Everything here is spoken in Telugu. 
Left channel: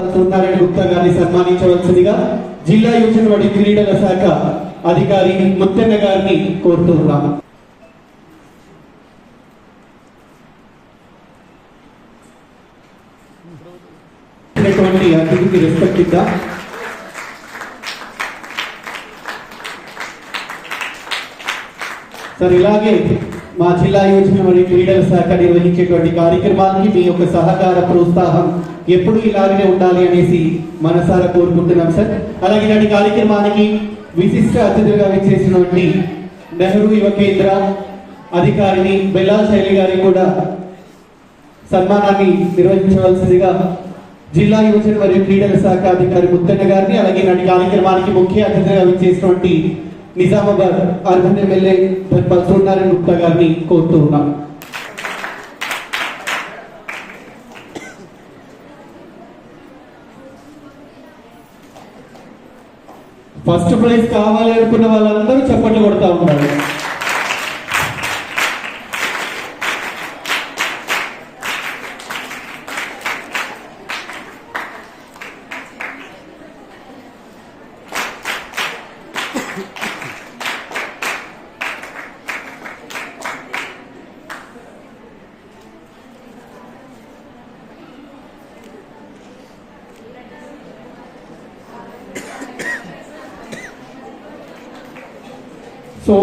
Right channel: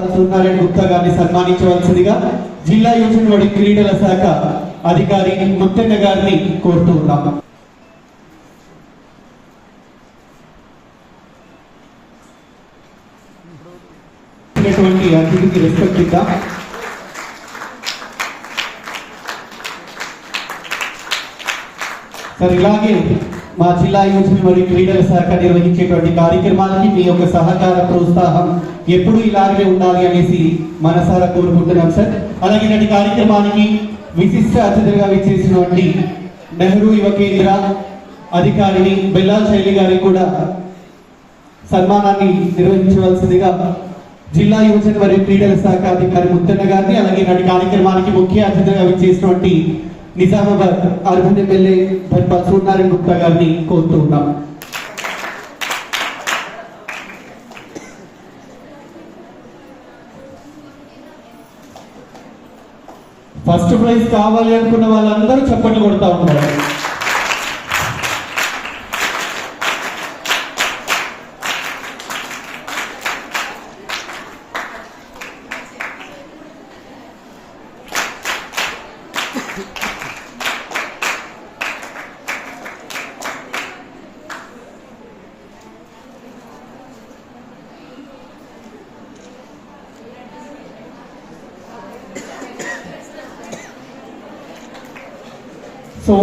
సున్నారెడ్డి గుప్తా గారిని సన్మానించవలసిందిగా జిల్లా యువజన క్రీడల శాఖ అధికారి ముత్తన్న గారిని కోరుతూ ఉన్నాము. అతిథికి రెస్పెక్ట్ ఇద్దాం. సార్, ఇలాగే మా జిల్లా యువజన మరియు క్రీడల శాఖ నిర్వహించేటువంటి కార్యక్రమాలకి మీ యొక్క సహకార ప్రోత్సాహం ఎప్పుడు ఇలాగే ఉండాలి అనేసి మనసారా కోరుకుంటున్నాం సార్. అలాగే ఇలాంటి కార్యక్రమానికి విశిష్ట అతిథిగా విచ్చేసినటువంటి నెహ్రూ యువ కేంద్ర అధికారిని బెల్లా శైలి గారికి కూడా సన్మానాన్ని నిర్వహించవలసిందిగా జిల్లా యువజన మరియు క్రీడల శాఖ అధికారి ముత్తన్న గారిని, అలాగే ఇలాంటి కార్యక్రమానికి ముఖ్య అతిథిగా విచ్చేసినటువంటి నిజామాబాద్ అర్బన్ ఎమ్మెల్యే ధర్మల్ సున్నారెడ్డి గుప్తా గారిని కోరుతూ ఉన్నాం. ఫస్ట్ ప్రైజ్ కావాలి అనుకున్న వాళ్ళందరూ చప్పట్లు కొడతా ఉన్నారు. సో